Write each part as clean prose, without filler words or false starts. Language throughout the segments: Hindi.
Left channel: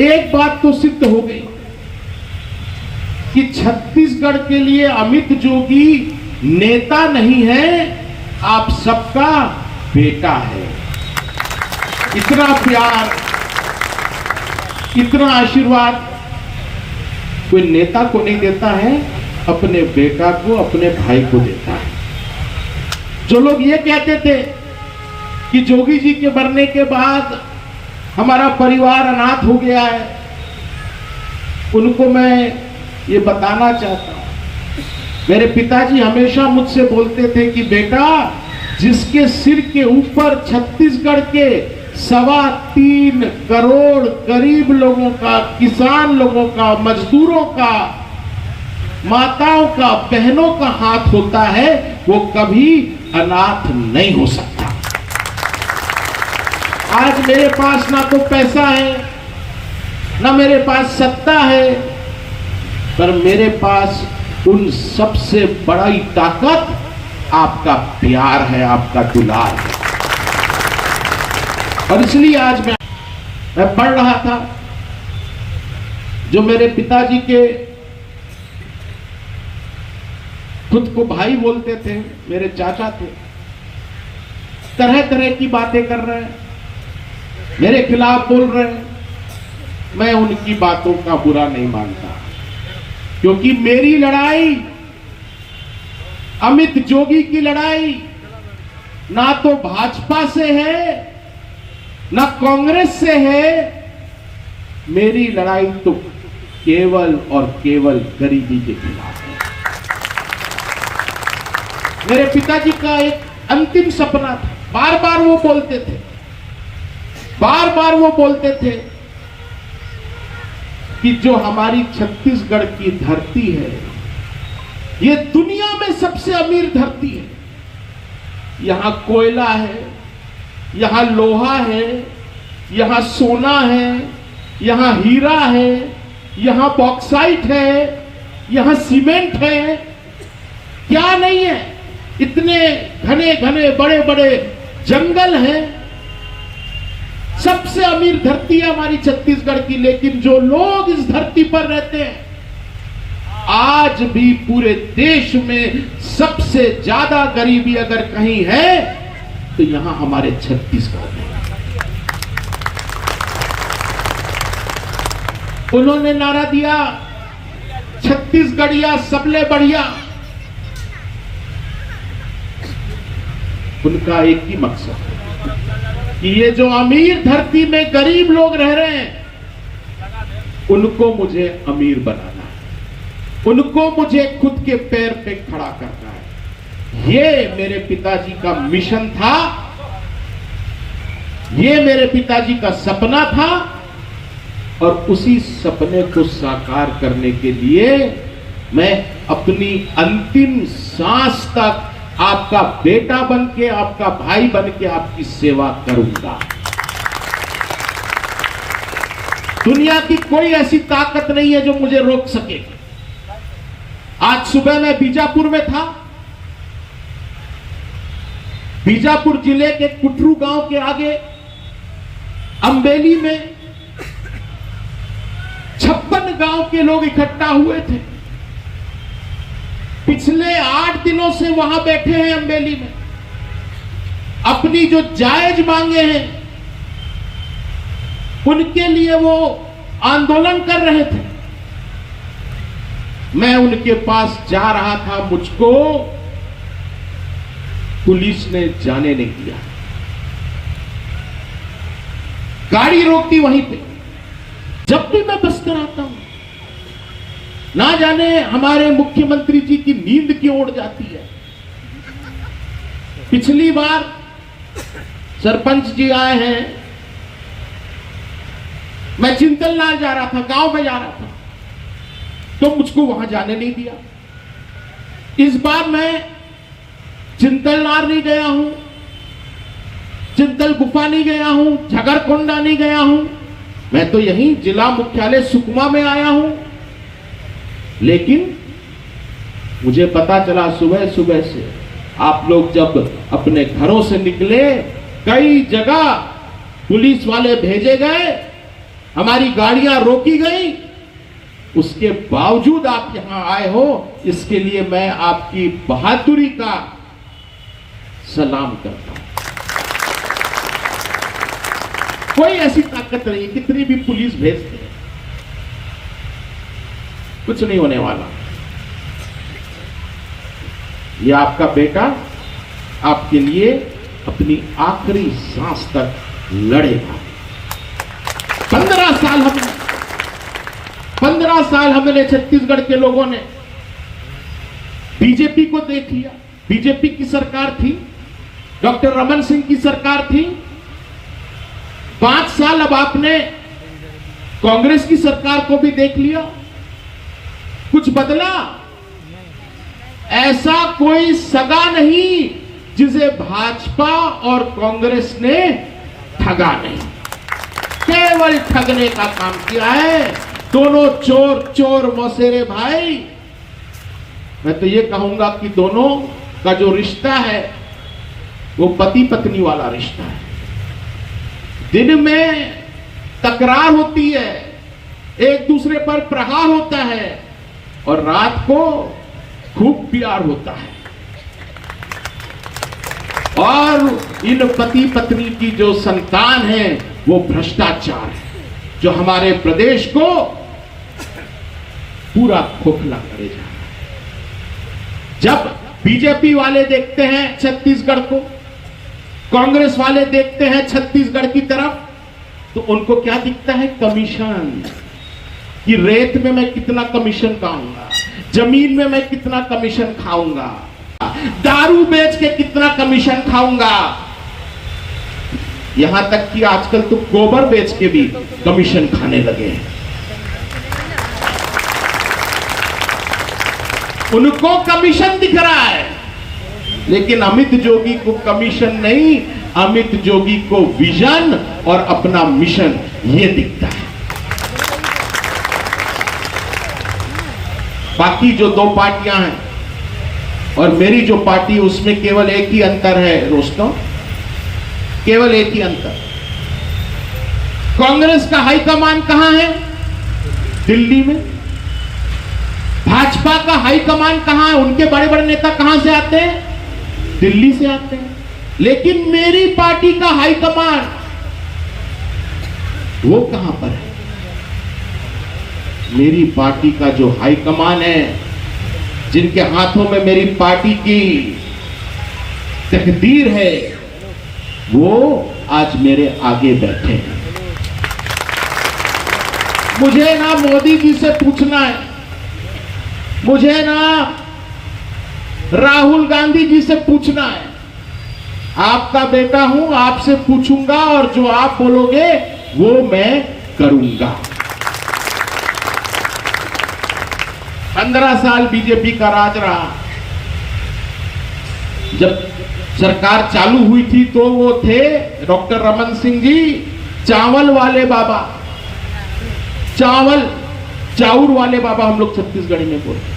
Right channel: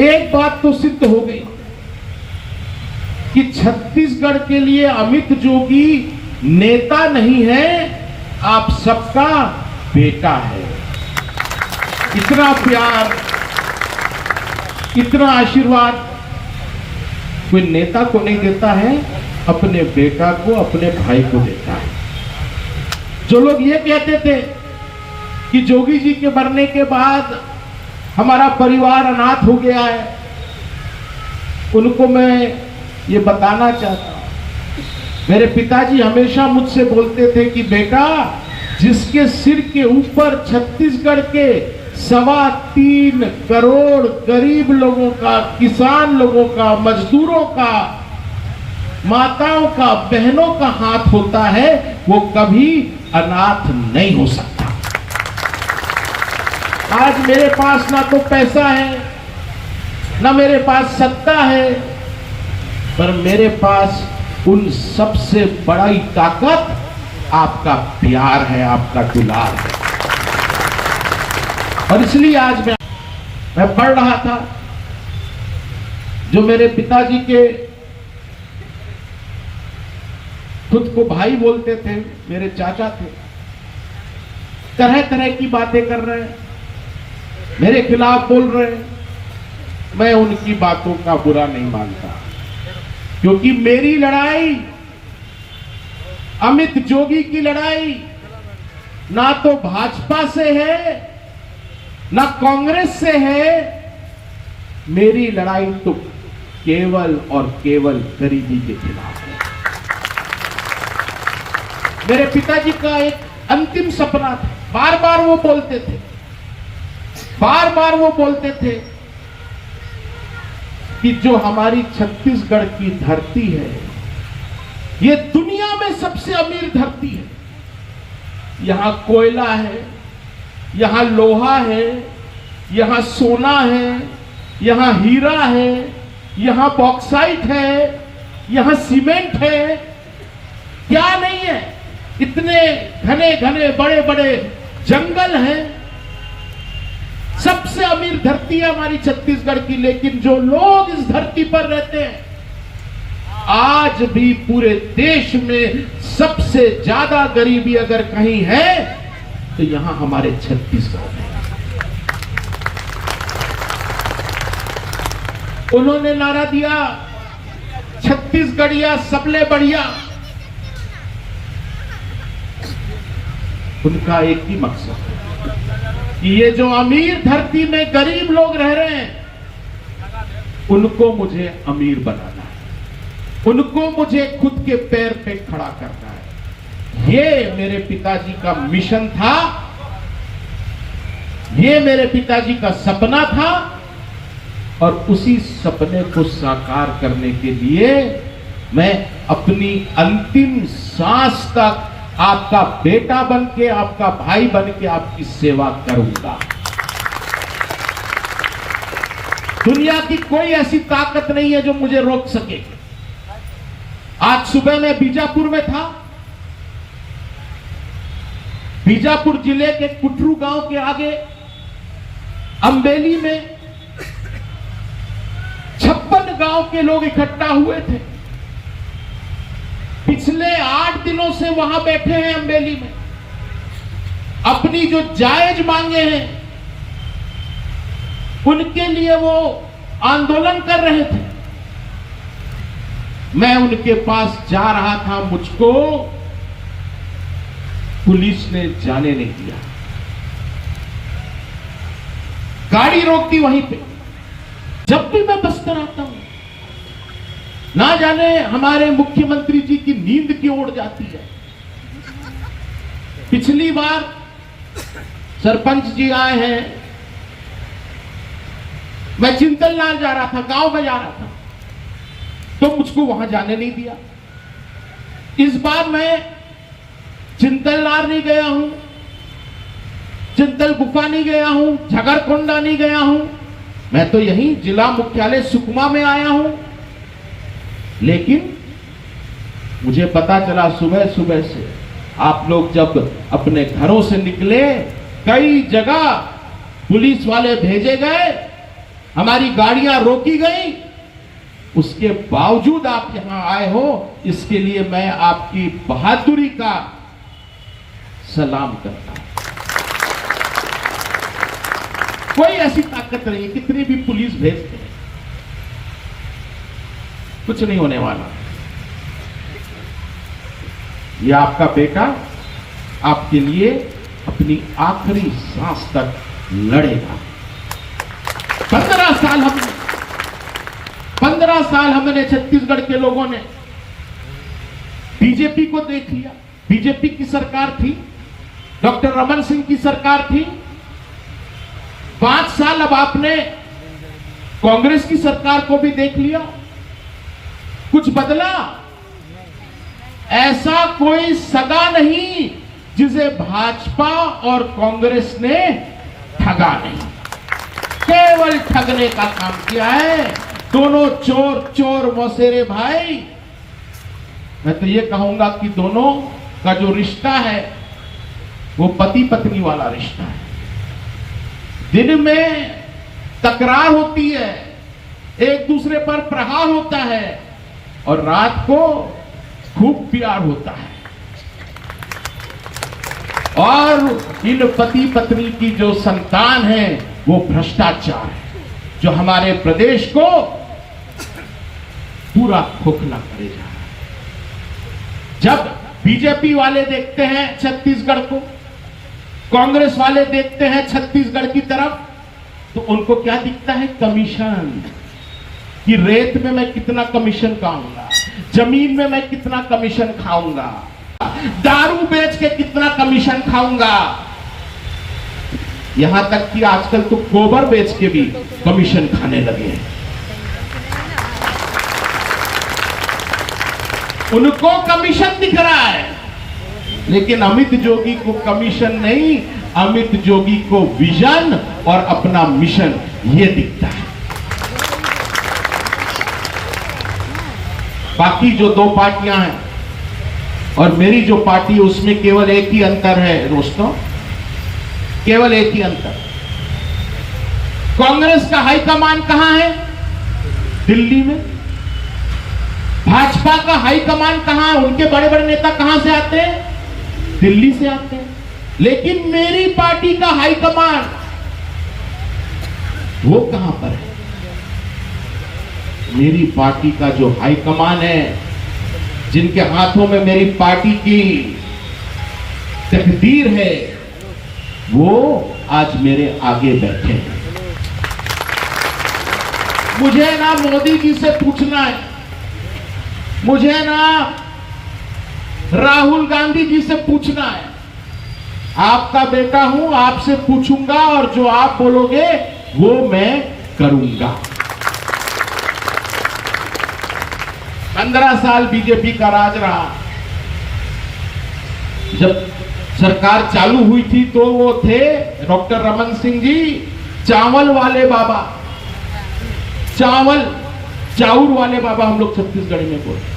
एक बात तो सिद्ध हो गई कि छत्तीसगढ़ के लिए अमित जोगी नेता नहीं है, आप सबका बेटा है। इतना प्यार, इतना आशीर्वाद कोई नेता को नहीं देता है, अपने बेटा को, अपने भाई को देता है। जो लोग ये कहते थे कि जोगी जी के मरने के बाद हमारा परिवार अनाथ हो गया है, उनको मैं ये बताना चाहता हूं। मेरे पिताजी हमेशा मुझसे बोलते थे कि बेटा, जिसके सिर के ऊपर छत्तीसगढ़ के 3.25 करोड़ गरीब लोगों का, किसान लोगों का, मजदूरों का, माताओं का, बहनों का हाथ होता है, वो कभी अनाथ नहीं हो सकता। आज मेरे पास ना तो पैसा है, ना मेरे पास सत्ता है, पर मेरे पास उन सबसे बड़ी ताकत आपका प्यार है, आपका दुलार है। और इसलिए आज मैं पढ़ रहा था, जो मेरे पिताजी के खुद को भाई बोलते थे, मेरे चाचा थे, तरह तरह की बातें कर रहे हैं, मेरे खिलाफ बोल रहे हैं। मैं उनकी बातों का बुरा नहीं मानता, क्योंकि मेरी लड़ाई, अमित जोगी की लड़ाई, ना तो भाजपा से है, ना कांग्रेस से है। मेरी लड़ाई तो केवल और केवल गरीबी के खिलाफ है। मेरे पिताजी का एक अंतिम सपना था, बार बार वो बोलते थे, बार बार वो बोलते थे कि जो हमारी छत्तीसगढ़ की धरती है, ये दुनिया में सबसे अमीर धरती है। यहां कोयला है, यहां लोहा है, यहां सोना है, यहां हीरा है, यहां बॉक्साइट है, यहां सीमेंट है, क्या नहीं है। इतने घने घने बड़े बड़े जंगल हैं। सबसे अमीर धरती है हमारी छत्तीसगढ़ की। लेकिन जो लोग इस धरती पर रहते हैं, आज भी पूरे देश में सबसे ज्यादा गरीबी अगर कहीं है तो यहां हमारे छत्तीसगढ़ में। उन्होंने नारा दिया, छत्तीसगढ़िया सबले बढ़िया। उनका एक ही मकसद है कि ये जो अमीर धरती में गरीब लोग रह रहे हैं, उनको मुझे अमीर बनाना है, उनको मुझे खुद के पैर पे खड़ा करना है। ये मेरे पिताजी का मिशन था, ये मेरे पिताजी का सपना था। और उसी सपने को साकार करने के लिए मैं अपनी अंतिम सांस तक आपका बेटा बन के, आपका भाई बन के आपकी सेवा करूंगा। दुनिया की कोई ऐसी ताकत नहीं है जो मुझे रोक सके। आज सुबह मैं बीजापुर में था। बीजापुर जिले के कुटरू गांव के आगे अम्बेली में 56 गांव के लोग इकट्ठा हुए थे। पिछले 8 दिनों से वहां बैठे हैं अम्बेली में, अपनी जो जायज मांगे हैं उनके लिए वो आंदोलन कर रहे थे। मैं उनके पास जा रहा था, मुझको पुलिस ने जाने नहीं दिया। गाड़ी रोकती वहीं पे। जब भी मैं बस्तर आता हूं, ना जाने हमारे मुख्यमंत्री जी की नींद क्यों उड़ जाती है। पिछली बार सरपंच जी आए हैं, मैं चिंतलनार जा रहा था, गांव में जा रहा था, तो मुझको वहां जाने नहीं दिया। इस बार मैं चिंतलनार नहीं गया हूं, चिंतल गुफा नहीं गया हूं, झगड़कोंडा नहीं गया हूं, मैं तो यहीं जिला मुख्यालय सुकमा में आया हूं। लेकिन मुझे पता चला सुबह सुबह से, आप लोग जब अपने घरों से निकले, कई जगह पुलिस वाले भेजे गए हमारी गाड़ियां रोकी गई, उसके बावजूद आप यहां आए हो, इसके लिए मैं आपकी बहादुरी का सलाम करता हूं। कोई ऐसी ताकत नहीं, कितनी भी पुलिस भेजते हैं, कुछ नहीं होने वाला। यह आपका बेटा आपके लिए अपनी आखिरी सांस तक लड़ेगा। 15 साल हमने छत्तीसगढ़ के लोगों ने बीजेपी को देख लिया। बीजेपी की सरकार थी, डॉक्टर रमन सिंह की सरकार थी। 5 साल अब आपने कांग्रेस की सरकार को भी देख लिया। कुछ बदला? ऐसा कोई सगा नहीं जिसे भाजपा और कांग्रेस ने ठगा नहीं, केवल ठगने का काम किया है। दोनों चोर मौसेरे भाई। मैं तो ये कहूंगा कि दोनों का जो रिश्ता है वो पति पत्नी वाला रिश्ता है। दिन में तकरार होती है, एक दूसरे पर प्रहार होता है, और रात को खूब प्यार होता है। और इन पति पत्नी की जो संतान है वो भ्रष्टाचार है, जो हमारे प्रदेश को पूरा खोखला करे जा रहा है। जब बीजेपी वाले देखते हैं छत्तीसगढ़ को, कांग्रेस वाले देखते हैं छत्तीसगढ़ की तरफ, तो उनको क्या दिखता है? कमीशन। कि रेत में मैं कितना कमीशन खाऊंगा, जमीन में मैं कितना कमीशन खाऊंगा, दारू बेच के कितना कमीशन खाऊंगा, यहां तक कि आजकल तो गोबर बेच के भी कमीशन खाने लगे हैं। उनको कमीशन दिख रहा है, लेकिन अमित जोगी को कमीशन नहीं, अमित जोगी को विजन और अपना मिशन ये दिखता है। बाकी जो 2 पार्टियां हैं और मेरी जो पार्टी, उसमें केवल एक ही अंतर है दोस्तों, केवल एक ही अंतर। कांग्रेस का हाईकमान कहां है? दिल्ली में। भाजपा का हाईकमान कहां है? उनके बड़े बड़े नेता कहां से आते हैं? दिल्ली से आते हैं। लेकिन मेरी पार्टी का हाईकमान वो कहां पर है? मेरी पार्टी का जो हाईकमान है, जिनके हाथों में मेरी पार्टी की तकदीर है, वो आज मेरे आगे बैठे हैं। मुझे ना मोदी जी से पूछना है, मुझे ना राहुल गांधी जी से पूछना है। आपका बेटा हूं, आपसे पूछूंगा और जो आप बोलोगे वो मैं करूंगा। 15 साल बीजेपी का राज रहा। जब सरकार चालू हुई थी तो वो थे डॉक्टर रमन सिंह जी चावल वाले बाबा, चाउर वाले बाबा हम लोग छत्तीसगढ़ी में बोलते।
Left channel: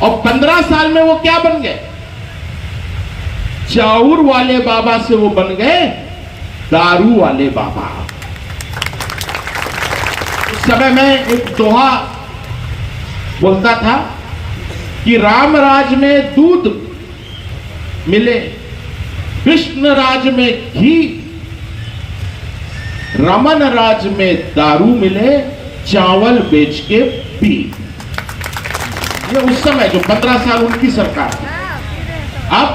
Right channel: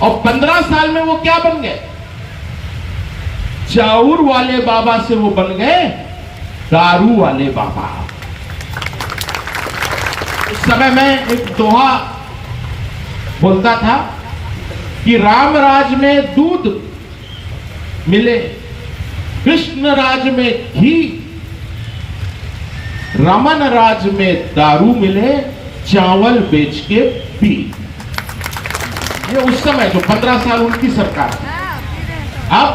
और 15 साल में वो क्या बन गए? चाउर वाले बाबा से वो बन गए दारू वाले बाबा। उस समय में एक दोहा बोलता था कि राम राज में दूध मिले, कृष्ण राज में घी, रमन राज में दारू मिले, चावल बेच के पी। ये उस समय जो 15 साल उनकी सरकार थी। अब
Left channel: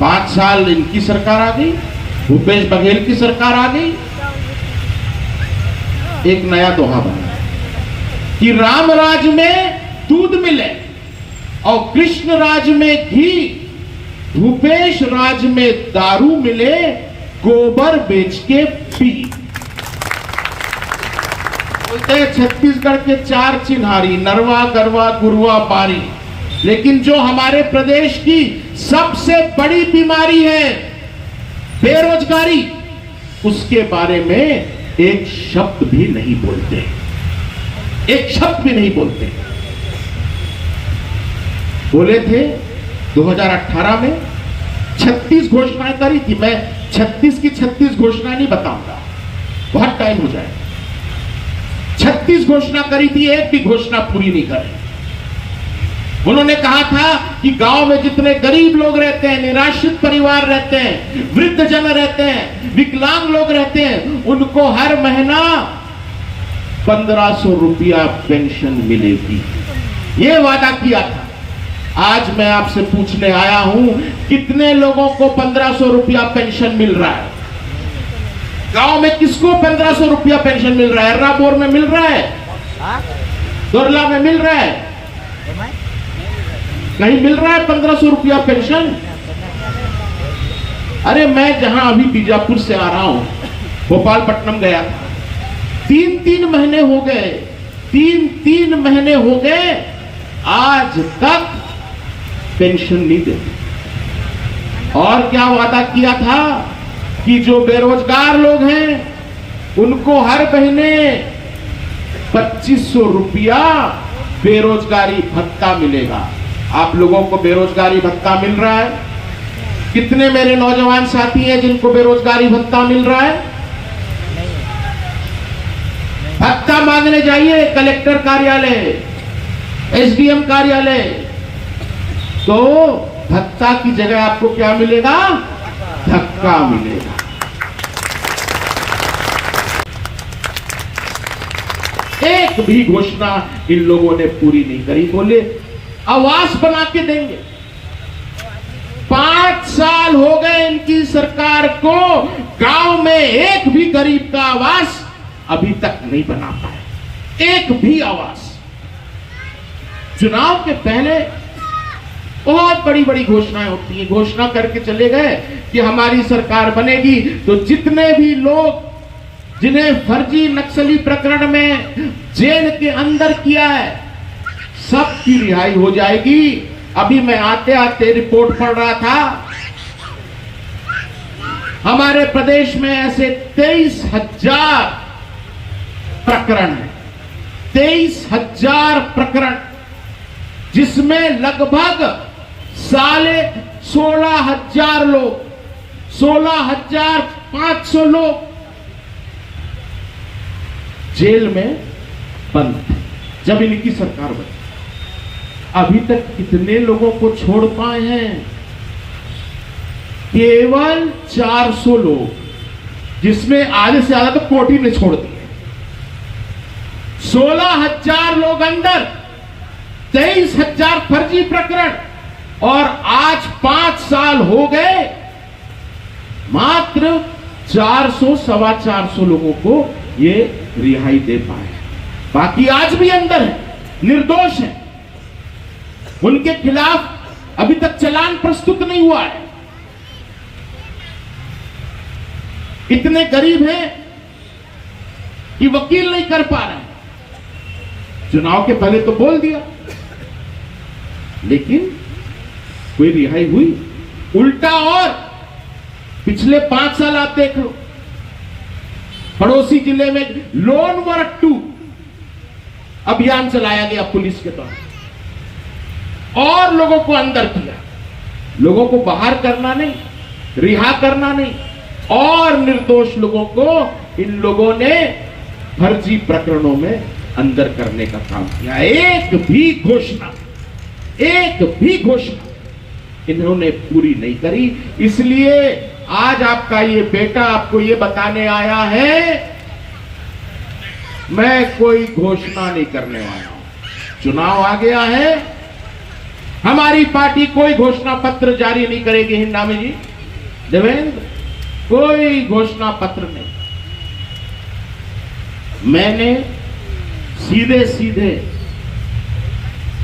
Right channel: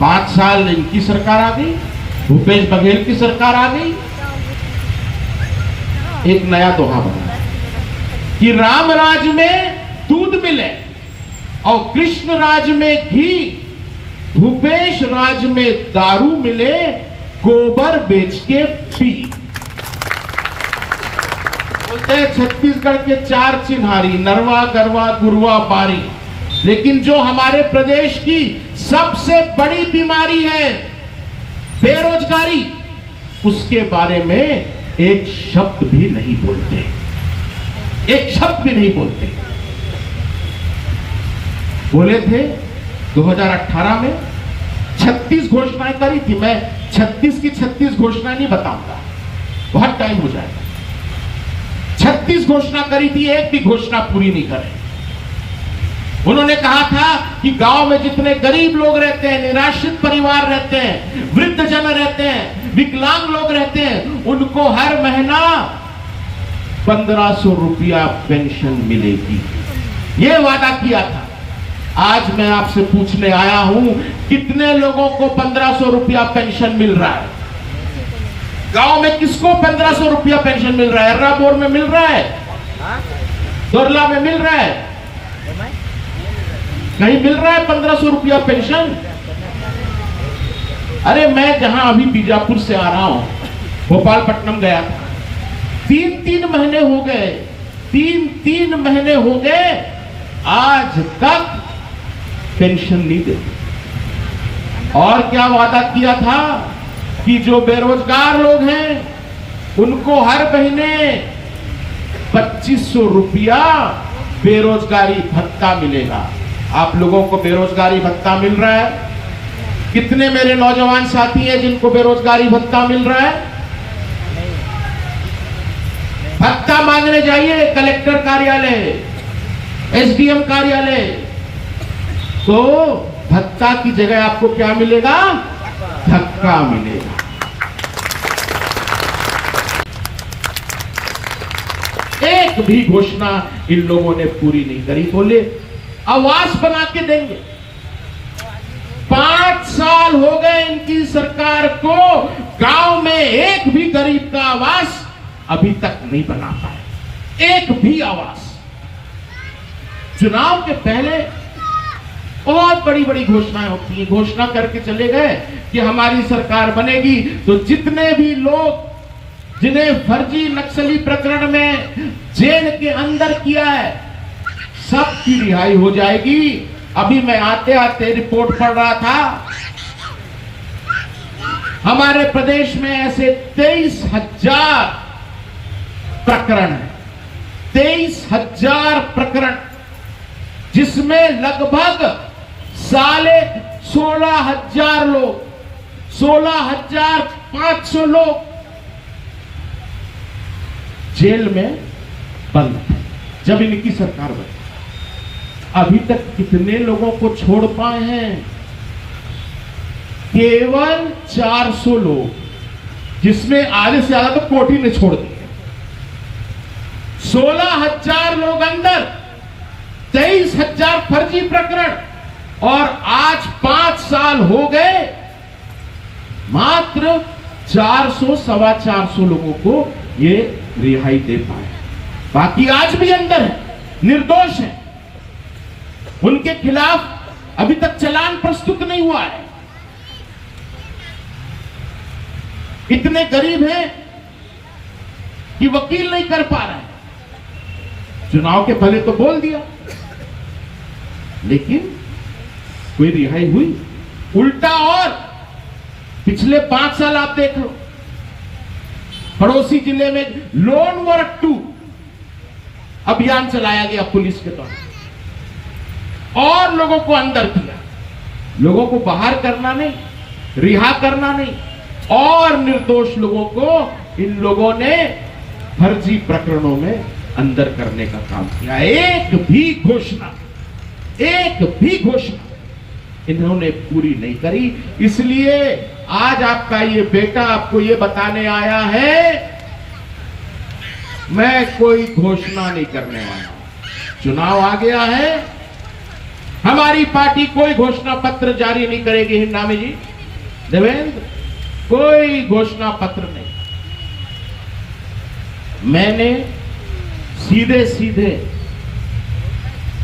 5 साल इनकी सरकार आ गई, भूपेश बघेल की सरकार आ गई। एक नया दोहा बना कि राम राज में दूध मिले और कृष्ण राज में घी, भूपेश राज में दारू मिले, गोबर बेच के पी। बोलते हैं छत्तीसगढ़ के 4 चिन्हारी, नरवा गरवा गुरुआ बारी। लेकिन जो हमारे प्रदेश की सबसे बड़ी बीमारी है बेरोजगारी, उसके बारे में एक शब्द भी नहीं बोलते, एक शब्द भी नहीं बोलते। बोले थे 2018 में 36 घोषणाएं करी थी। मैं 36 की 36 घोषणाएं नहीं बताऊंगा, बहुत टाइम हो जाएगा। 36 घोषणा करी थी, एक भी घोषणा पूरी नहीं करे। उन्होंने कहा था कि गांव में जितने गरीब लोग रहते हैं, निराश्रित परिवार रहते हैं, वृद्ध जन रहते हैं, विकलांग लोग रहते हैं, उनको हर महीना 1500 रुपया पेंशन मिलेगी, ये वादा किया था। आज मैं आपसे पूछने आया हूं, कितने लोगों को 1500 रुपया पेंशन मिल रहा है? गांव में किसको 1500 रुपया पेंशन मिल रहा है? अर्राबोर में मिल रहा है, दोरला में मिल रहा है, कहीं मिल रहा है 1500 रुपया पेंशन? अरे मैं जहां अभी बीजापुर से आ रहा हूं, भोपालपट्टनम गया था, 3-3 महीने हो गए, 3-3 महीने हो गए, आज तक पेंशन नहीं देते। और क्या वादा किया था कि जो बेरोजगार लोग हैं उनको हर महीने 2500 रुपया बेरोजगारी भत्ता मिलेगा। आप लोगों को बेरोजगारी भत्ता मिल रहा है? कितने मेरे नौजवान साथी हैं जिनको बेरोजगारी भत्ता मिल रहा है? भत्ता मांगने जाइए कलेक्टर कार्यालय, एसडीएम कार्यालय, तो भत्ता की जगह आपको क्या मिलेगा? धक्का मिलेगा। एक भी घोषणा इन लोगों ने पूरी नहीं करी। बोले आवास बना के देंगे। 5 साल हो गए इनकी सरकार को, गांव में एक भी गरीब का आवास अभी तक नहीं बना पाए, एक भी आवास। चुनाव के पहले बहुत बड़ी बड़ी घोषणाएं होती है, घोषणा करके चले गए कि हमारी सरकार बनेगी तो जितने भी लोग जिन्हें फर्जी नक्सली प्रकरण में जेल के अंदर किया है, सबकी रिहाई हो जाएगी। अभी मैं आते आते रिपोर्ट पढ़ रहा था, हमारे प्रदेश में ऐसे 23,000 प्रकरण है, 23,000 प्रकरण, जिसमें लगभग 16,500 लोग, 16,500 लोग जेल में बंद थे जब इनकी सरकार बनी। अभी तक कितने लोगों को छोड़ पाए हैं? केवल 400 लोग, जिसमें आधे से ज्यादा तो कोर्ट ही ने छोड़ दिए। 16,000 लोग अंदर, 23,000 फर्जी प्रकरण, और आज 5 साल हो गए, मात्र 400, 450 लोगों को ये रिहाई दे पाए। बाकी आज भी अंदर है, निर्दोष है, उनके खिलाफ अभी तक चालान प्रस्तुत नहीं हुआ है। इतने गरीब हैं कि वकील नहीं कर पा रहे। चुनाव के पहले तो बोल दिया, लेकिन कोई रिहाई हुई? उल्टा, और पिछले 5 साल आप देख लो, पड़ोसी जिले में लोन वर्क 2 अभियान चलाया गया पुलिस के द्वारा, और लोगों को अंदर किया, लोगों को बाहर करना नहीं, रिहा करना नहीं, और निर्दोष लोगों को इन लोगों ने फर्जी प्रकरणों में अंदर करने का काम किया। एक भी घोषणा इन्होंने पूरी नहीं करी। इसलिए आज आपका ये बेटा आपको ये बताने आया है, मैं कोई घोषणा नहीं करने वाला हूं। चुनाव आ गया है, हमारी पार्टी कोई घोषणा पत्र जारी नहीं करेगी। हिंदामी जी, देवेंद्र, कोई घोषणा पत्र नहीं। मैंने सीधे सीधे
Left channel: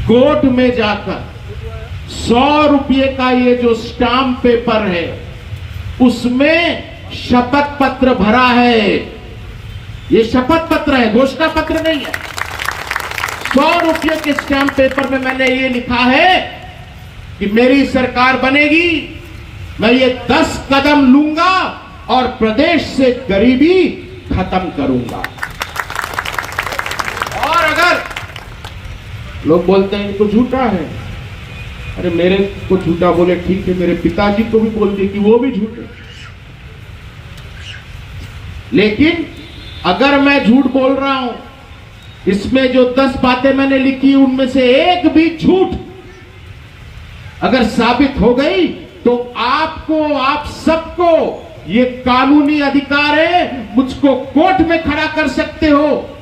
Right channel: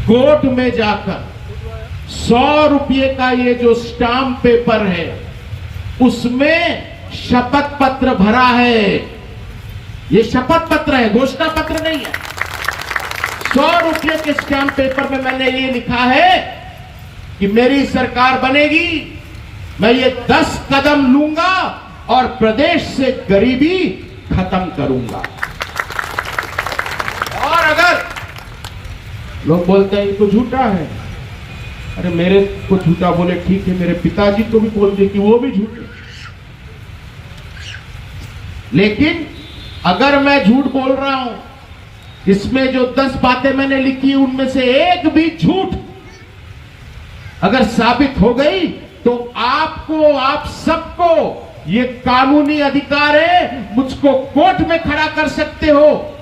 कोर्ट में जाकर 100 रुपये का ये जो स्टाम्प पेपर है, उसमें शपथ पत्र भरा है। ये शपथ पत्र है, घोषणा पत्र नहीं है। 100 रुपये के स्टाम्प पेपर में मैंने ये लिखा है कि मेरी सरकार बनेगी, मैं ये 10 कदम लूंगा और प्रदेश से गरीबी खत्म करूंगा। और अगर लोग बोलते हैं तो झूठा है, अरे मेरे को झूठा बोले ठीक है, मेरे पिताजी को भी बोल दे कि वो भी झूठे। लेकिन अगर मैं झूठ बोल रहा हूं इसमें जो 10 बातें मैंने लिखी उनमें से एक भी झूठ अगर साबित हो गई तो आपको, आप सबको ये कानूनी अधिकार है, मुझको कोर्ट में खड़ा कर सकते हो,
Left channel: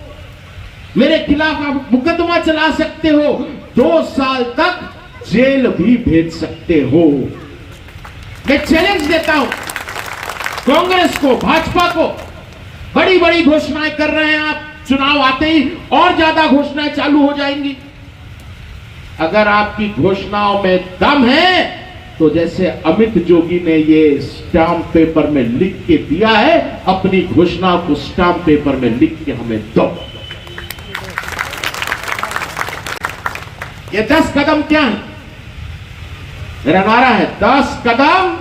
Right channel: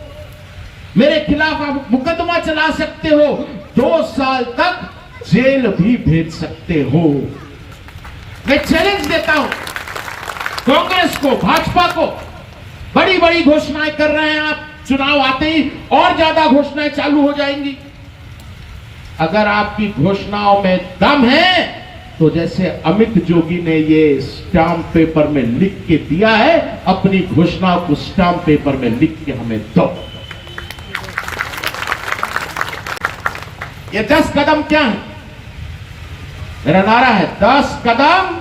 मेरे खिलाफ आप मुकदमा चला सकते हो, 2 साल तक जेल भी भेज सकते हो। मैं चैलेंज देता हूं कांग्रेस को, भाजपा को। बड़ी बड़ी घोषणाएं कर रहे हैं आप, चुनाव आते ही और ज्यादा घोषणाएं चालू हो जाएंगी। अगर आपकी घोषणाओं में दम है तो जैसे अमित जोगी ने ये स्टाम्प पेपर में लिख के दिया है, अपनी घोषणा को स्टाम्प पेपर में लिख के हमें दो। ये 10 कदम क्या है? मेरा नारा है 10 कदम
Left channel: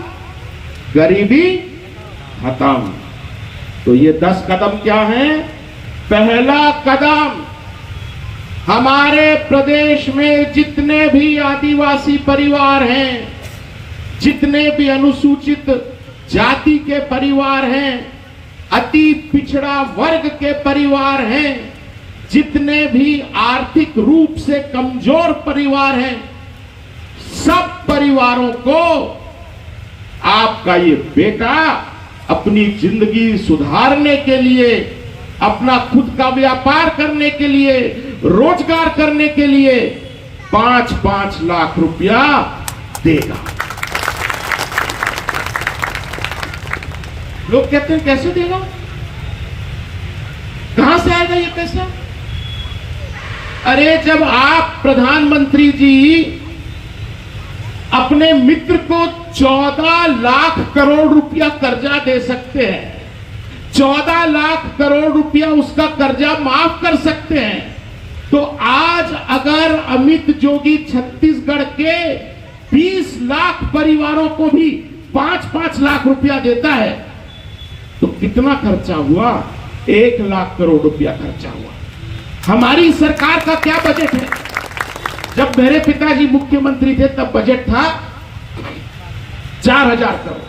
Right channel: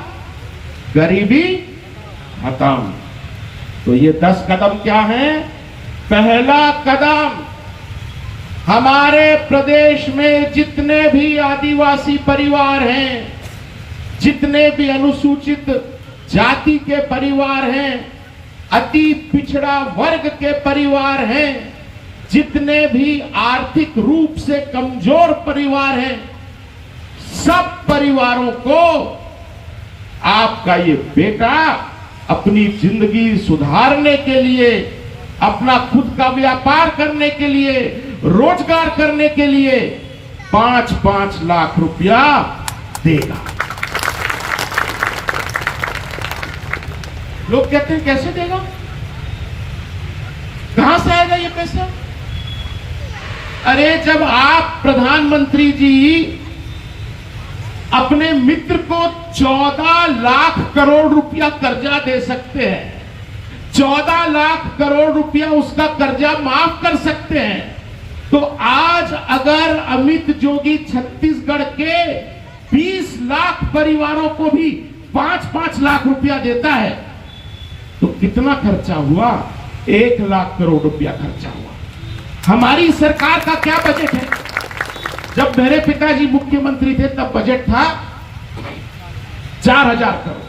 गरीबी खत्म। तो ये 10 कदम क्या है? पहला कदम, हमारे प्रदेश में जितने भी आदिवासी परिवार हैं, जितने भी अनुसूचित जाति के परिवार हैं, अति पिछड़ा वर्ग के परिवार हैं, जितने भी आर्थिक रूप से कमजोर परिवार हैं, सब परिवारों को आपका ये बेटा अपनी जिंदगी सुधारने के लिए, अपना खुद का व्यापार करने के लिए, रोजगार करने के लिए 5-5 लाख रुपया देगा। लोग कहते हैं कैसे देगा, कहां से आएगा ये पैसा? अरे जब आप प्रधानमंत्री जी अपने मित्र को 14 लाख करोड़ रुपया कर्जा दे सकते हैं, 14 लाख करोड़ रुपया उसका कर्जा माफ कर सकते हैं, तो आज अगर अमित जोगी छत्तीसगढ़ के 20 लाख परिवारों को भी 5-5 लाख रुपया देता है तो कितना खर्चा हुआ? 1 लाख करोड़ रुपया खर्चा हुआ। हमारी सरकार का क्या बजट है? जब मेरे पिताजी मुख्यमंत्री थे तब बजट था 4000 करोड़।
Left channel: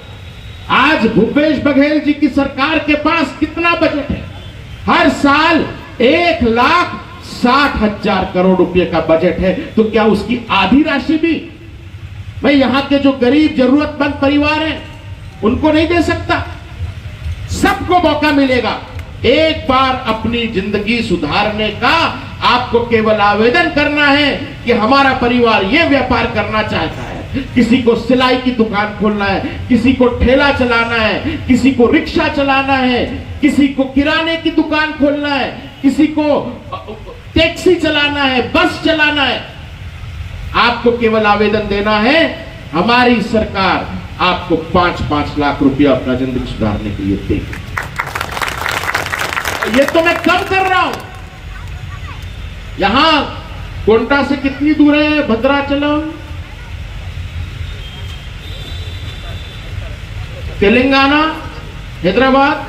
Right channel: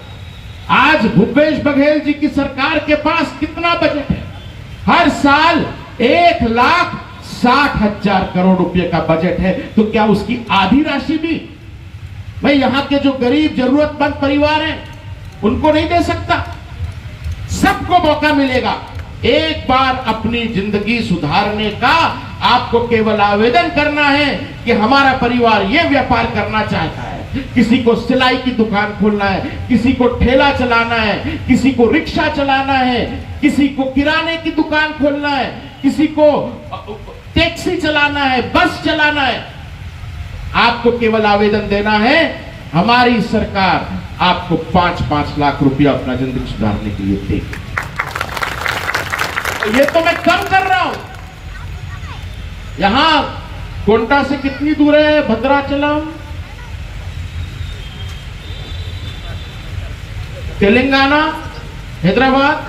आज भूपेश बघेल जी की सरकार के पास कितना बजट है? हर साल 1,60,000 करोड़ रुपए का बजट है। तो क्या उसकी आधी राशि भी मैं यहां के जो गरीब जरूरतमंद परिवार हैं उनको नहीं दे सकता? सबको मौका मिलेगा। एक बार अपनी जिंदगी सुधारने का आपको केवल आवेदन करना है कि हमारा परिवार ये व्यापार करना चाहता है, किसी को सिलाई की दुकान खोलना है, किसी को ठेला चलाना है, किसी को रिक्शा चलाना है, किसी को किराने की दुकान खोलना है, किसी को टैक्सी चलाना है, बस चलाना है। आपको केवल आवेदन देना है, हमारी सरकार आपको 5-5 लाख रुपया अपना जिंदगी सुधारने के लिए देगी। ये तो मैं कम कर रहा हूं। यहां कोंटा से कितनी दूर है भद्राचलम? तेलंगाना, हैदराबाद,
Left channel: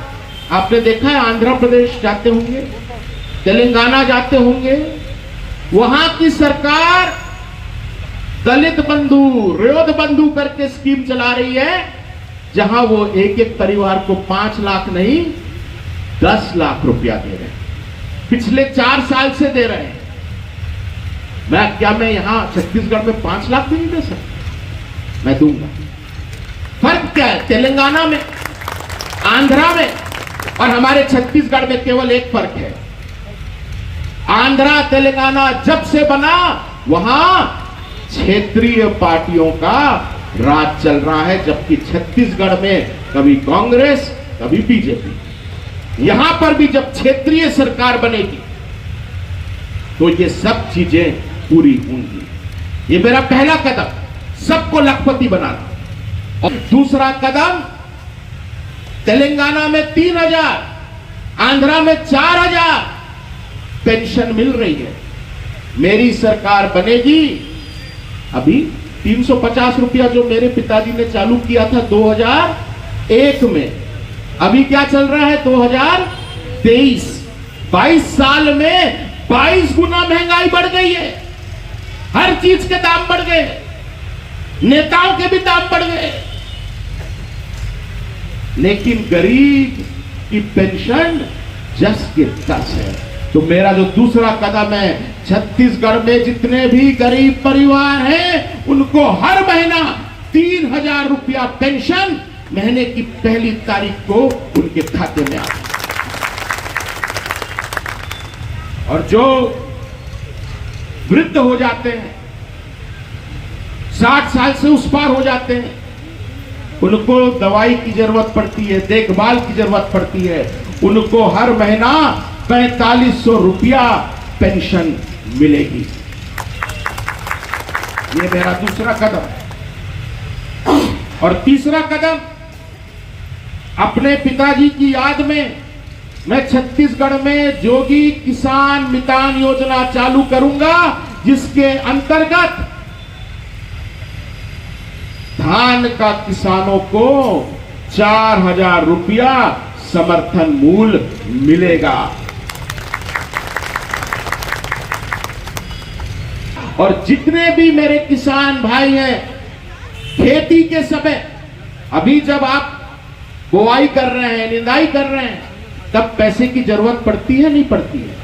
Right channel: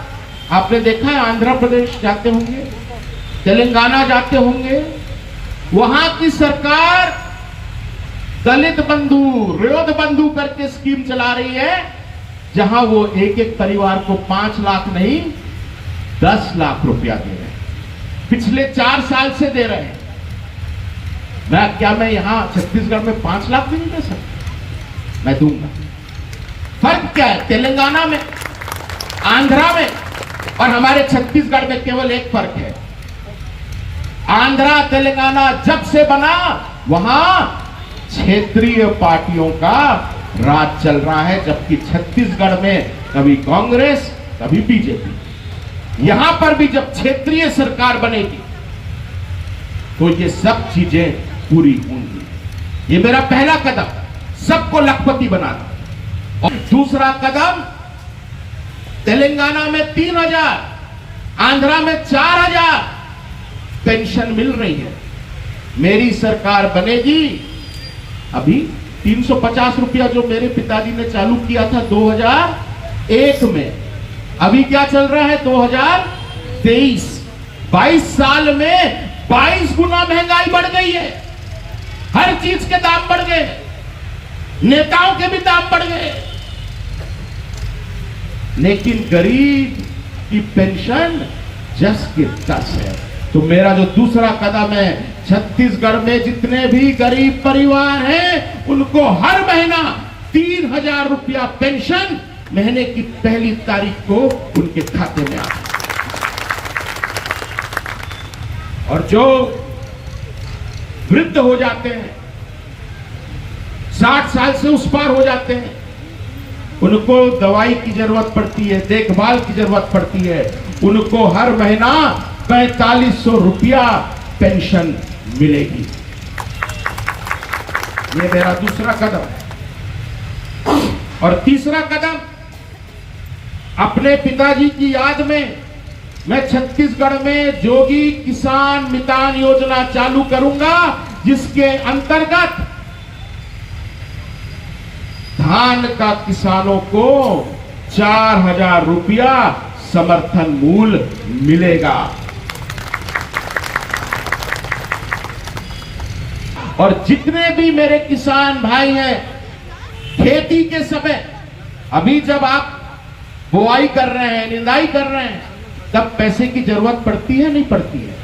आपने देखा है, आंध्र प्रदेश जाते होंगे, तेलंगाना जाते होंगे। वहां की सरकार दलित बंधु, रेवत बंधु करके स्कीम चला रही है, जहां वो एक परिवार को 5 लाख नहीं 10 लाख रुपया दे रहे हैं। पिछले 4 साल से दे रहे हैं। मैं यहां छत्तीसगढ़ में 5 लाख भी नहीं दे सकता? मैं दूंगा। फर्क क्या है? तेलंगाना में, आंध्रा में और हमारे छत्तीसगढ़ में केवल एक फर्क है। आंध्रा तेलंगाना जब से बना वहां क्षेत्रीय पार्टियों का राज चल रहा है, जबकि छत्तीसगढ़ में कभी कांग्रेस कभी बीजेपी। यहां पर भी जब क्षेत्रीय सरकार बनेगी तो ये सब चीजें पूरी होंगी। ये मेरा पहला कदम, सबको लखपति बनाना। और दूसरा कदम, तेलंगाना में 3000, आंध्रा में 4000 पेंशन मिल रही है। मेरी सरकार बनेगी, अभी 350 रुपया जो मेरे पिताजी ने चालू किया था 2001 में, अभी क्या चल रहा है 2023। 22 साल में 22 गुना महंगाई बढ़ गई है। हर चीज के दाम बढ़ गए, नेताओं के भी दाम बढ़ गए, लेकिन गरीब की पेंशन 10 के 10 है। तो तो मेरा जो दूसरा कदम है, छत्तीसगढ़ में जितने भी गरीब परिवार हैं उनको हर महीना 3,000 रुपया पेंशन महीने की पहली तारीख को उनके खाते में आता है। और जो वृद्ध हो जाते हैं, 60 साल से उस पार हो जाते हैं, उनको दवाई की जरूरत पड़ती है, देखभाल की जरूरत पड़ती है, उनको हर महीना 4500 रुपया पेंशन मिलेगी। ये मेरा दूसरा कदम। और तीसरा कदम, अपने पिताजी की याद में मैं छत्तीसगढ़ में जोगी किसान मितान योजना चालू करूंगा, जिसके अंतर्गत धान का किसानों को 4,000 रुपया समर्थन मूल्य मिलेगा। और जितने भी मेरे किसान भाई हैं, खेती के समय अभी जब आप बुआई कर रहे हैं, निंदाई कर रहे हैं, तब पैसे की जरूरत पड़ती है नहीं पड़ती है?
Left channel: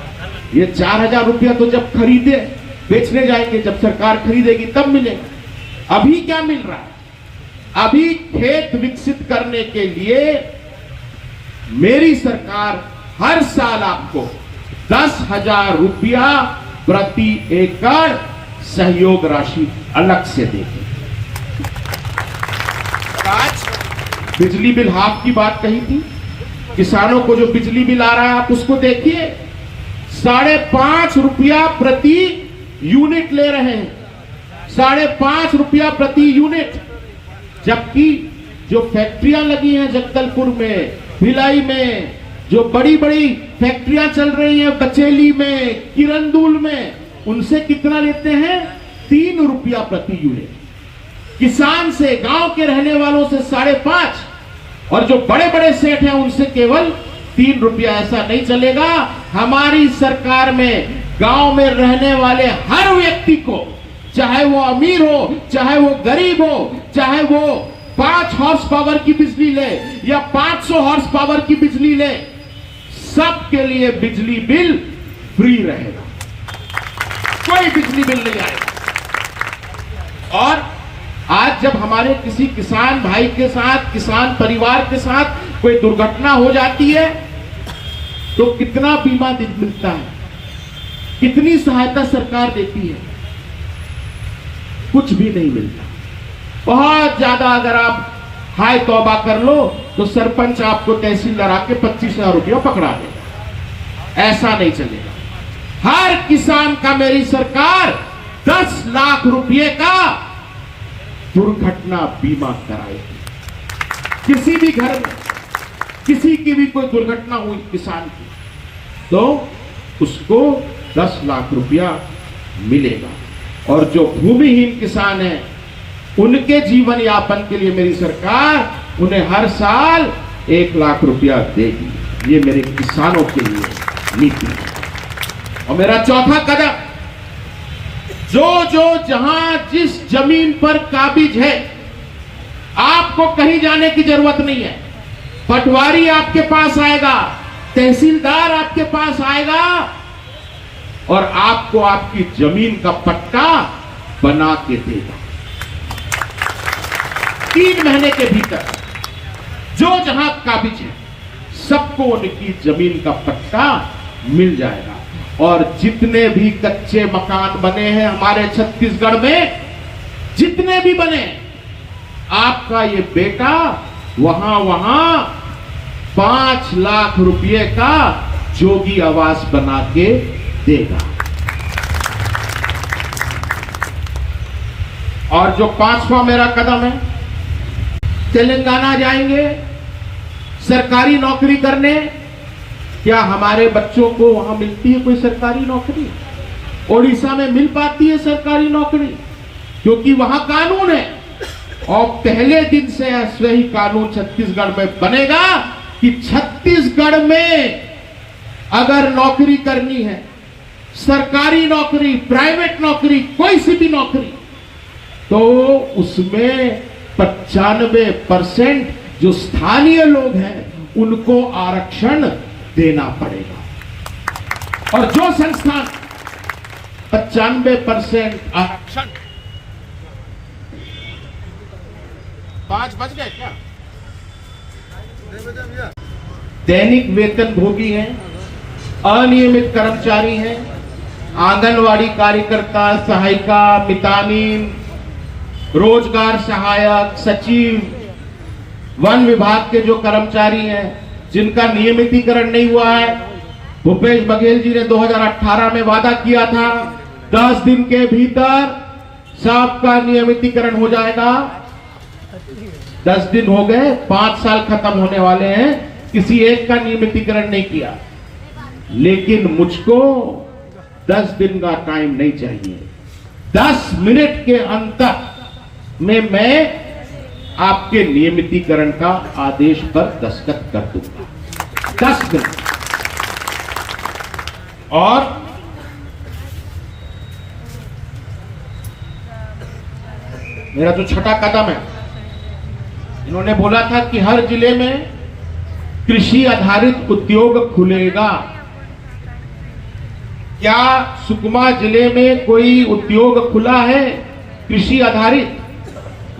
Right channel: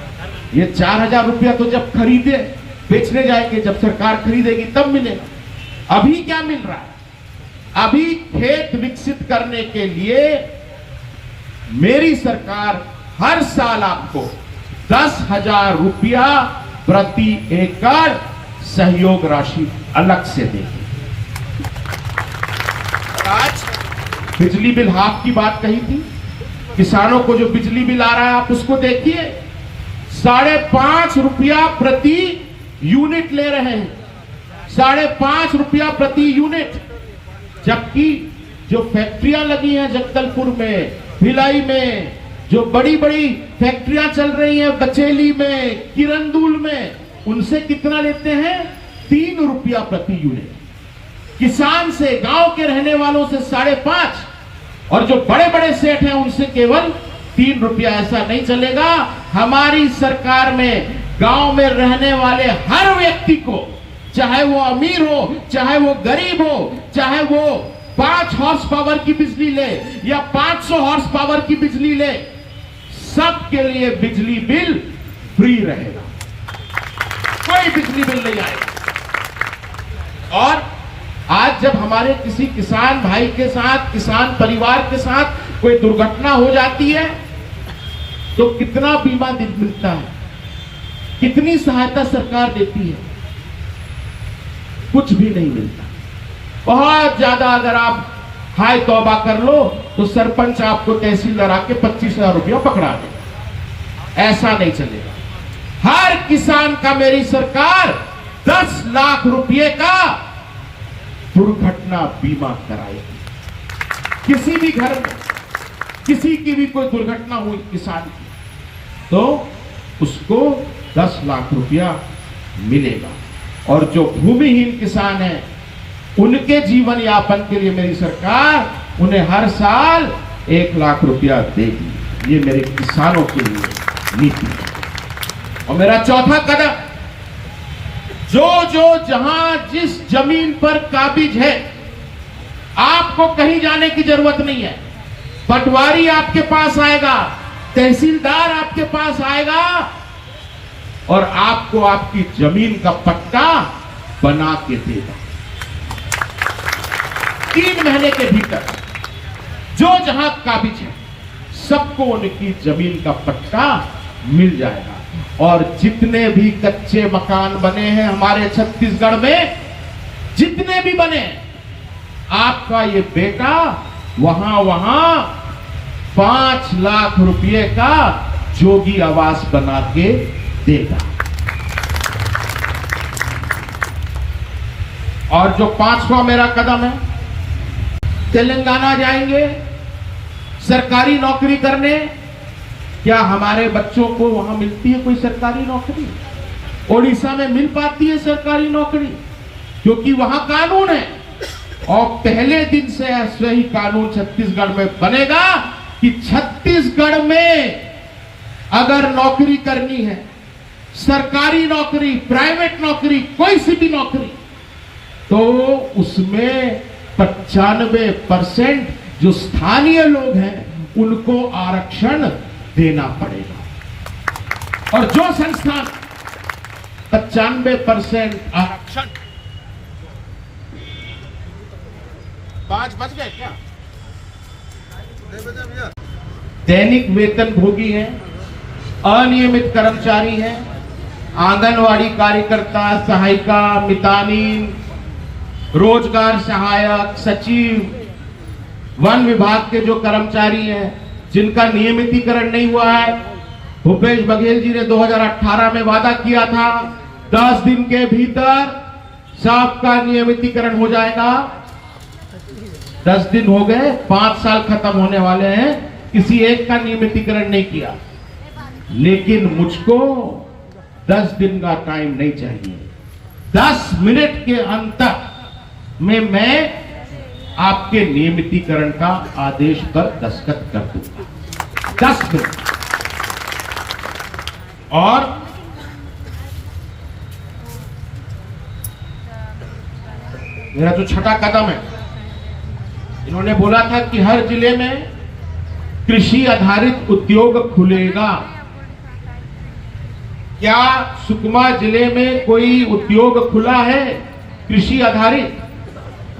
ये 4,000 रुपया तो जब खरीदे बेचने जाएंगे, जब सरकार खरीदेगी तब मिलेगा। अभी क्या मिल रहा है? अभी खेत विकसित करने के लिए मेरी सरकार हर साल आपको 10,000 रुपया प्रति एकड़ सहयोग राशि अलग से देगी। आज बिजली बिल हाफ की बात कही थी, किसानों को जो बिजली बिल आ रहा है आप उसको देखिए, 5.5 रुपया प्रति यूनिट ले रहे हैं, 5.5 रुपया प्रति यूनिट। जबकि जो फैक्ट्रियां लगी हैं जगदलपुर में, भिलाई में, जो बड़ी बड़ी फैक्ट्रियां चल रही हैं बचेली में, किरंदुल में, उनसे कितना लेते हैं? 3 रुपया प्रति यूनिट। किसान से, गांव के रहने वालों से 5.5, और जो बड़े बड़े सेठ हैं उनसे केवल 3 रुपया। ऐसा नहीं चलेगा। हमारी सरकार में गांव में रहने वाले हर व्यक्ति को, चाहे वो अमीर हो, चाहे वो गरीब हो, चाहे वो 5 हॉर्स पावर की बिजली ले या 500 हॉर्स पावर की बिजली ले, सबके लिए बिजली बिल फ्री रहेगा, कोई बिजली बिल नहीं आएगा। और आज जब हमारे किसी किसान भाई के साथ, किसान परिवार के साथ कोई दुर्घटना हो जाती है तो कितना बीमा मिलता है, कितनी सहायता सरकार देती है? कुछ भी नहीं मिलता। बहुत ज्यादा अगर आप हाय तौबा कर लो तो सरपंच आपको तहसीलदार आके 25,000 रुपया पकड़ा देगा। ऐसा नहीं चलेगा। हर किसान का मेरी सरकार 10 लाख रुपए का दुर्घटना बीमा कराएगी। किसी भी घर में किसी की भी कोई दुर्घटना हुई किसान की, तो उसको 10 लाख रुपया मिलेगा। और जो भूमिहीन किसान है उनके जीवन यापन के लिए मेरी सरकार उन्हें हर साल 1 लाख रुपया देगी। ये मेरे किसानों के लिए नीति है। और मेरा चौथा कदम, जो जहां जिस जमीन पर काबिज है, आपको कहीं जाने की जरूरत नहीं है। पटवारी आपके पास आएगा, तहसीलदार आपके पास आएगा और आपको आपकी जमीन का पट्टा बना के देगा। 3 महीने के भीतर जो जहां काबिज है सबको उनकी जमीन का पट्टा मिल जाएगा। और जितने भी कच्चे मकान बने हैं हमारे छत्तीसगढ़ में, जितने भी बने, आपका ये बेटा वहां 5 लाख रुपए का जोगी आवास बना के देगा। और जो 5वां मेरा कदम है, तेलंगाना जाएंगे सरकारी नौकरी करने। क्या हमारे बच्चों को वहां मिलती है कोई सरकारी नौकरी? ओडिशा में मिल पाती है सरकारी नौकरी? क्योंकि वहां कानून है। और पहले दिन से ऐसे ही कानून छत्तीसगढ़ में बनेगा कि छत्तीसगढ़ में अगर नौकरी करनी है, सरकारी नौकरी, प्राइवेट नौकरी, कोई सी भी नौकरी, तो उसमें 95% जो स्थानीय लोग हैं उनको आरक्षण देना पड़ेगा। और जो संस्थान 95% आरक्षण 5 बज गए क्या? दैनिक वेतन भोगी हैं, अनियमित कर्मचारी हैं, आंगनवाड़ी कार्यकर्ता, सहायिका, मितानिन, रोजगार सहायक, सचिव, वन विभाग के जो कर्मचारी हैं जिनका नियमितीकरण नहीं हुआ है। भूपेश बघेल जी ने 2018 में वादा किया था 10 दिन के भीतर सबका नियमितीकरण हो जाएगा। 10 दिन हो गए, 5 साल खत्म होने वाले हैं, किसी एक का नियमितीकरण नहीं किया। लेकिन मुझको 10 दिन का टाइम नहीं चाहिए, 10 मिनट के अंतर में मैं आपके नियमितीकरण का आदेश पर दस्तखत कर दूंगा। 10 मिनट। और मेरा जो छठा कदम है, इन्होंने बोला था कि हर जिले में कृषि आधारित उद्योग खुलेगा। क्या सुकमा जिले में कोई उद्योग खुला है कृषि आधारित,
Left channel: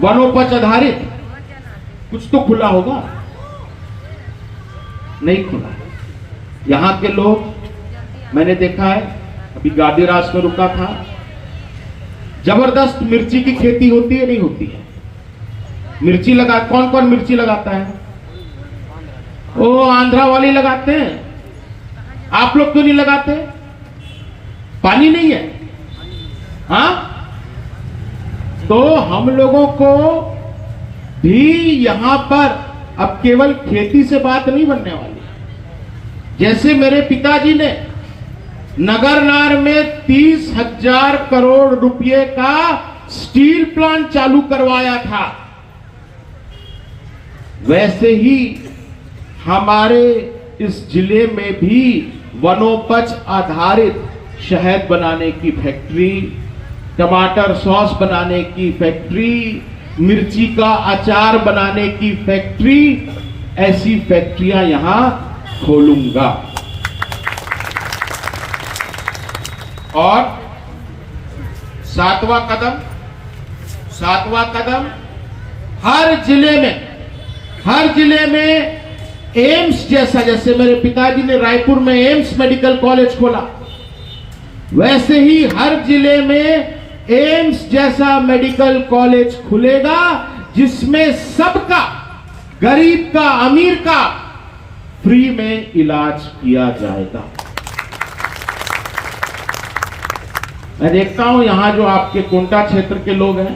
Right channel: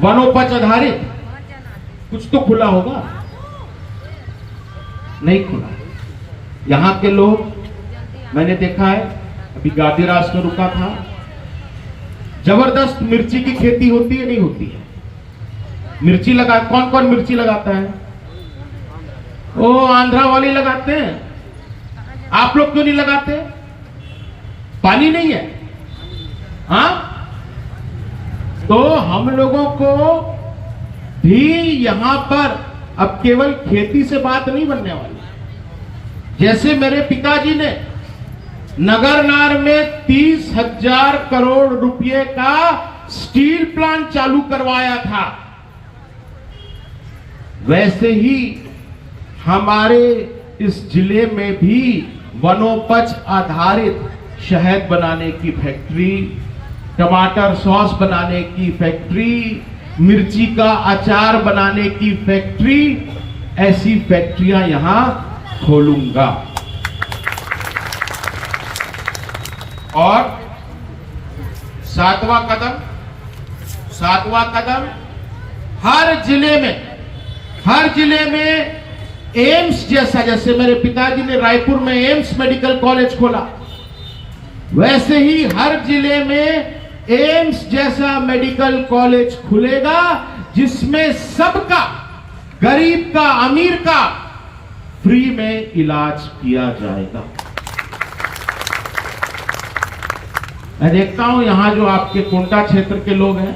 वनोपज आधारित? कुछ तो खुला होगा, नहीं खुला। यहां के लोग, मैंने देखा है, अभी गादीरास में रुका था, जबरदस्त मिर्ची की खेती होती है, नहीं होती है? मिर्ची लगा, कौन कौन मिर्ची लगाता है? ओ आंध्रा वाले लगाते हैं। आप लोग क्यों नहीं लगाते? पानी नहीं है? हाँ, तो हम लोगों को भी यहां पर अब केवल खेती से बात नहीं बनने वाली। जैसे मेरे पिताजी ने नगरनार में 30,000 करोड़ रुपए का स्टील प्लांट चालू करवाया था, वैसे ही हमारे इस जिले में भी वनोपज आधारित शहद बनाने की फैक्ट्री, टमाटर सॉस बनाने की फैक्ट्री, मिर्ची का अचार बनाने की फैक्ट्री, ऐसी फैक्ट्रियां यहां खोलूंगा। और सातवां कदम, हर जिले में एम्स जैसा, जैसे मेरे पिताजी ने रायपुर में एम्स मेडिकल कॉलेज खोला, वैसे ही हर जिले में एम्स जैसा मेडिकल कॉलेज खुलेगा, जिसमें सबका, गरीब का, अमीर का फ्री में इलाज किया जाएगा। मैं देखता हूं यहां जो आपके कोंटा क्षेत्र के लोग हैं,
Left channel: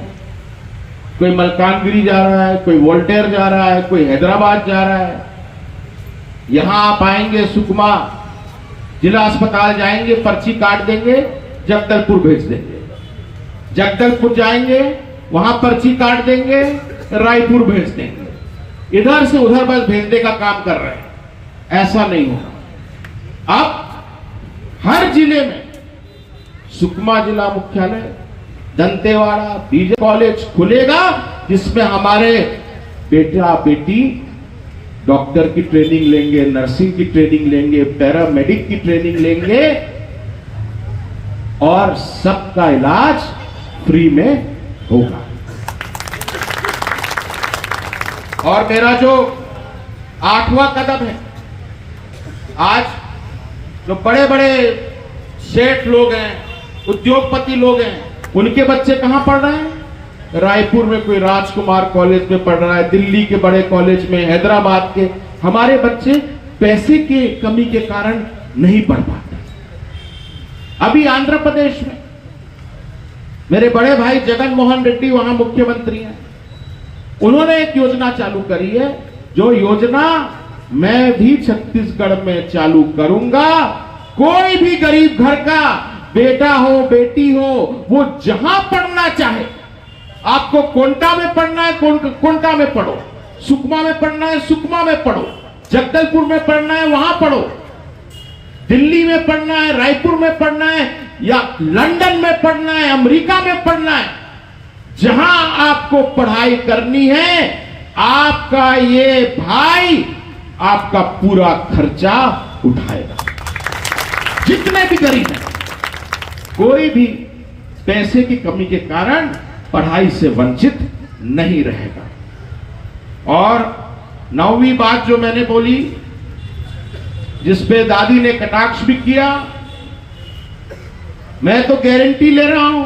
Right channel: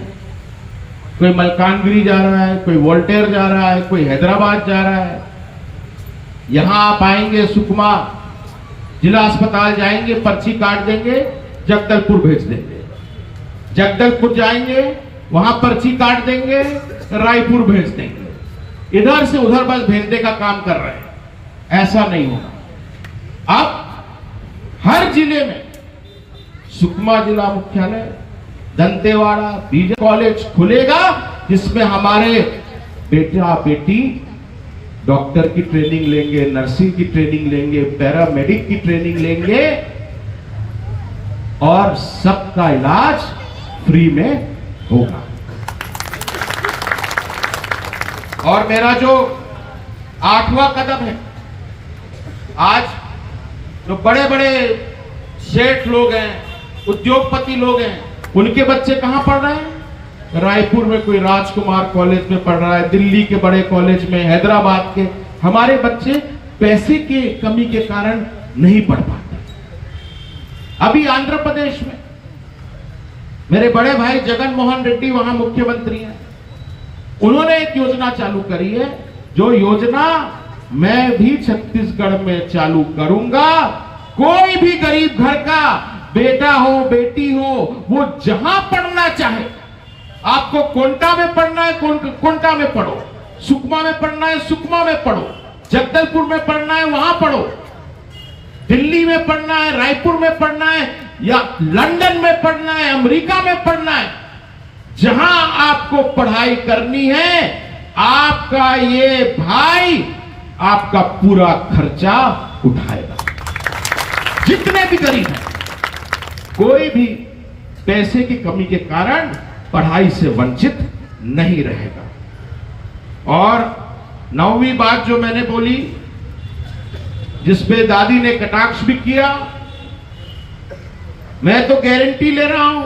कोई मलकानगिरी जा रहा है, कोई वोल्टेयर जा रहा है, कोई हैदराबाद जा रहा है। यहां आप आएंगे, सुकमा जिला अस्पताल जाएंगे, पर्ची काट देंगे, जगदलपुर भेज देंगे। जगदलपुर जाएंगे, वहां पर्ची काट देंगे, रायपुर भेज देंगे। इधर से उधर बस भेजने का काम कर रहे हैं। ऐसा नहीं होगा। अब हर जिले में सुकमा जिला मुख्यालय, दंतेवाड़ा, बीजे कॉलेज खुलेगा, जिसमें हमारे बेटा बेटी डॉक्टर की ट्रेनिंग लेंगे, नर्सिंग की ट्रेनिंग लेंगे, पैरामेडिक की ट्रेनिंग लेंगे, और सबका इलाज फ्री में होगा। और मेरा जो 8वां कदम है, आज जो बड़े बड़े सेठ लोग हैं, उद्योगपति लोग हैं, उनके बच्चे कहां पढ़ रहे हैं? रायपुर में कोई राजकुमार कॉलेज में पढ़ रहा है, दिल्ली के बड़े कॉलेज में, हैदराबाद के। हमारे बच्चे पैसे के कमी के कारण नहीं पढ़ पाते। अभी आंध्र प्रदेश में मेरे बड़े भाई जगन मोहन रेड्डी वहां मुख्यमंत्री हैं, उन्होंने एक योजना चालू करी है, जो योजना मैं भी छत्तीसगढ़ में चालू करूंगा। कोई भी गरीब घर का बेटा हो, बेटी हो, वो जहां पढ़ना चाहे, आपको कोंटा में पढ़ना है, कोंटा में पढ़ो, सुकमा में पढ़ना है, सुकमा में पढ़ो, जगदलपुर में पढ़ना है, वहां पढ़ो, दिल्ली में पढ़ना है, रायपुर में पढ़ना है, या लंदन में पढ़ना है, अमेरिका में पढ़ना है, जहां आपको पढ़ाई करनी है, आपका ये भाई आपका पूरा खर्चा उठाएगा। जितने भी गरीब है, कोई भी पैसे की कमी के कारण पढ़ाई से वंचित नहीं रहेगा। और 9वीं बात जो मैंने बोली, जिसपे दादी ने कटाक्ष भी किया, मैं तो गारंटी ले रहा हूं,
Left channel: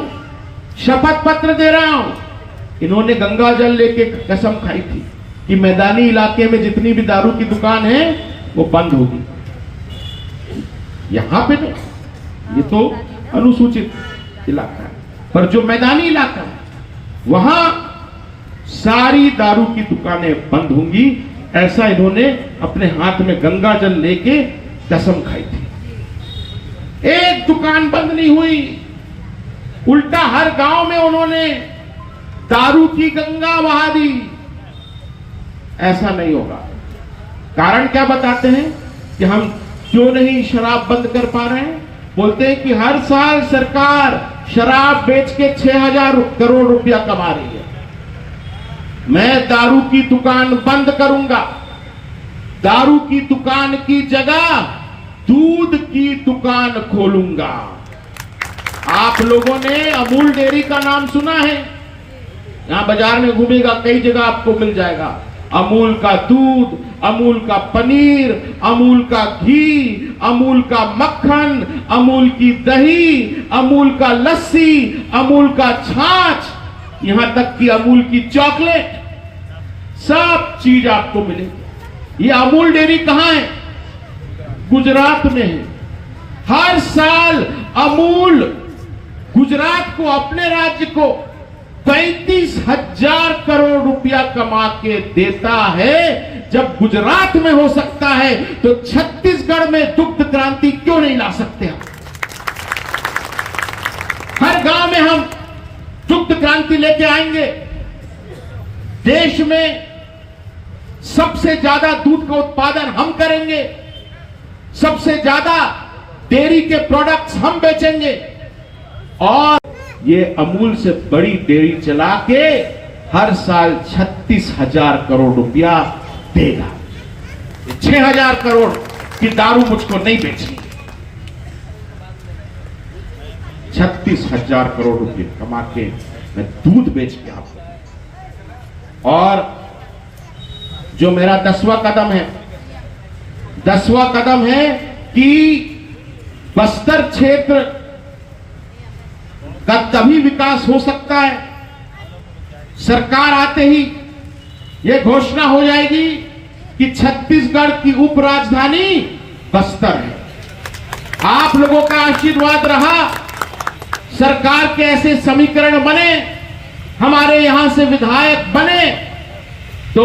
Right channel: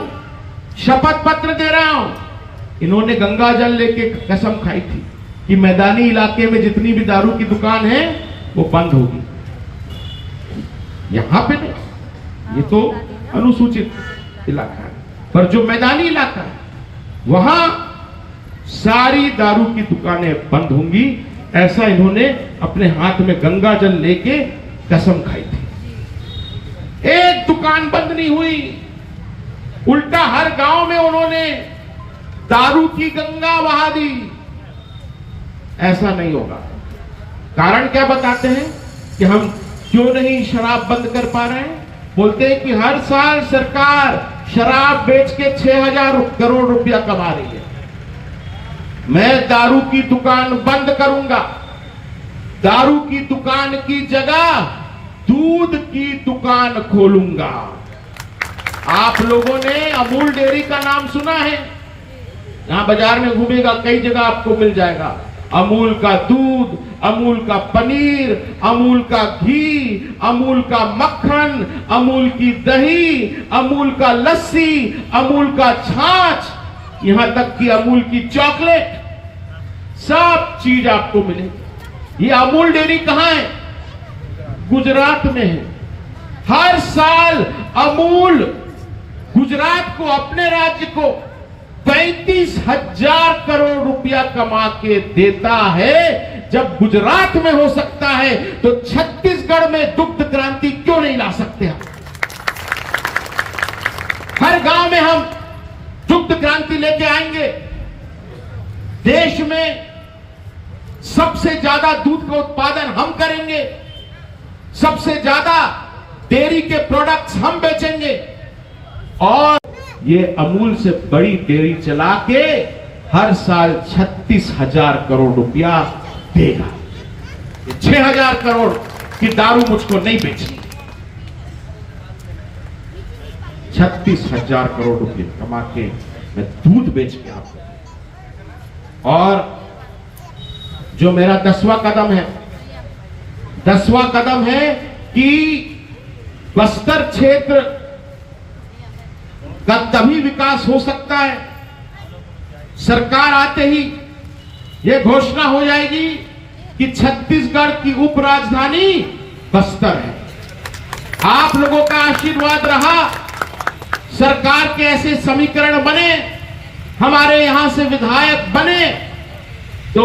शपथ पत्र दे रहा हूं, इन्होंने गंगा जल लेके कसम खाई थी कि मैदानी इलाके में जितनी भी दारू की दुकान है वो बंद होगी। यहां पे नहीं, ये तो अनुसूचित इलाका है, पर जो मैदानी इलाका है वहां सारी दारू की दुकानें बंद होंगी, ऐसा इन्होंने अपने हाथ में गंगा जल लेके कसम खाई थी। एक दुकान बंद नहीं हुई, उल्टा हर गांव में उन्होंने दारू की गंगा बहा दी। ऐसा नहीं होगा। कारण क्या बताते हैं कि हम क्यों नहीं शराब बंद कर पा रहे हैं? बोलते हैं कि हर साल सरकार शराब बेच के 6,000 करोड़ रुपया कमा रही है। मैं दारू की दुकान बंद करूंगा, दारू की दुकान की जगह दूध की दुकान खोलूंगा। आप लोगों ने अमूल डेयरी का नाम सुना है? यहां बाजार में घूमेगा, कई जगह आपको मिल जाएगा। अमूल का दूध, अमूल का पनीर, अमूल का घी, अमूल का मक्खन, अमूल की दही, अमूल का लस्सी, अमूल का छाछ, यहां तक कि अमूल की चॉकलेट, सब चीज आपको मिलेगी। ये अमूल डेयरी कहां है? गुजरात में है। हर साल अमूल गुजरात को, अपने राज्य को 35,000 करोड़ रुपया कमा के देता है। जब गुजरात में हो सकता है तो छत्तीसगढ़ में दुग्ध क्रांति क्यों नहीं ला सकते हम? हर गांव में हम दुग्ध क्रांति लेके आएंगे। देश में सबसे ज्यादा दूध का उत्पादन हम करेंगे, सबसे ज्यादा डेयरी के प्रोडक्ट्स हम बेचेंगे, और ये अमूल से बड़ी डेयरी चला के हर साल 36,000 करोड़ रुपया देगा। 6,000 करोड़ की दारू मुझको नहीं बेचनी, 36,000 करोड़ रुपये कमा के मैं दूध बेच के आपको। और जो मेरा 10वां कदम है, 10वां कदम है कि बस्तर क्षेत्र का तभी विकास हो सकता है, सरकार आते ही यह घोषणा हो जाएगी कि छत्तीसगढ़ की उप राजधानी बस्तर है। आप लोगों का आशीर्वाद रहा, सरकार के ऐसे समीकरण बने, हमारे यहां से विधायक बने, तो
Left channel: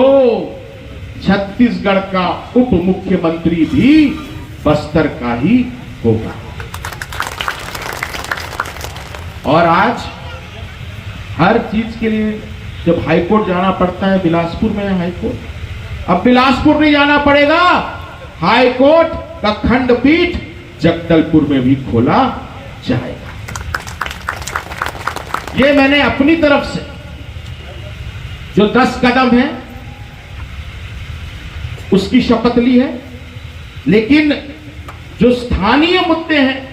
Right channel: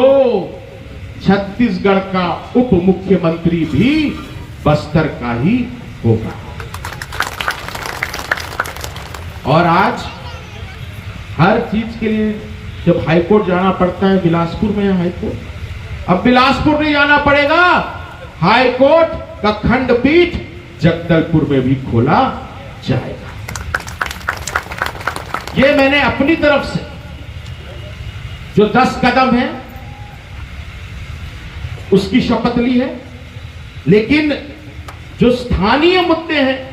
छत्तीसगढ़ का उप मुख्यमंत्री भी बस्तर का ही होगा। और आज हर चीज के लिए जब हाईकोर्ट जाना पड़ता है, बिलासपुर में है हाईकोर्ट, अब बिलासपुर नहीं जाना पड़ेगा, हाईकोर्ट का खंडपीठ जगदलपुर में भी खोला जाएगा। ये मैंने अपनी तरफ से जो 10 कदम है उसकी शपथ ली है। लेकिन जो स्थानीय मुद्दे हैं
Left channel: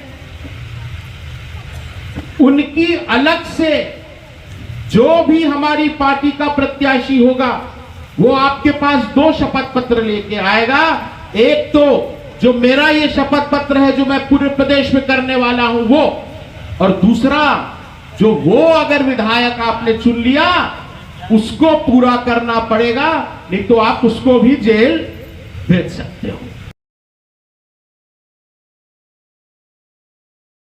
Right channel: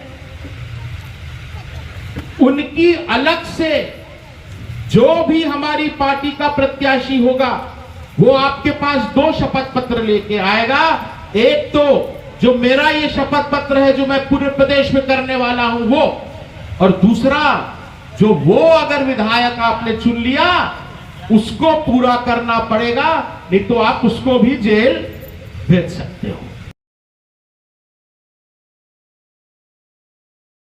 उनकी अलग से, जो भी हमारी पार्टी का प्रत्याशी होगा वो आपके पास 2 शपथ पत्र लेके आएगा। एक तो जो मेरा ये शपथ पत्र है जो मैं पूरे प्रदेश में करने वाला हूं वो, और दूसरा जो वो अगर विधायक आपने चुन लिया उसको पूरा करना पड़ेगा, नहीं तो आप उसको भी जेल भेज सकते हो।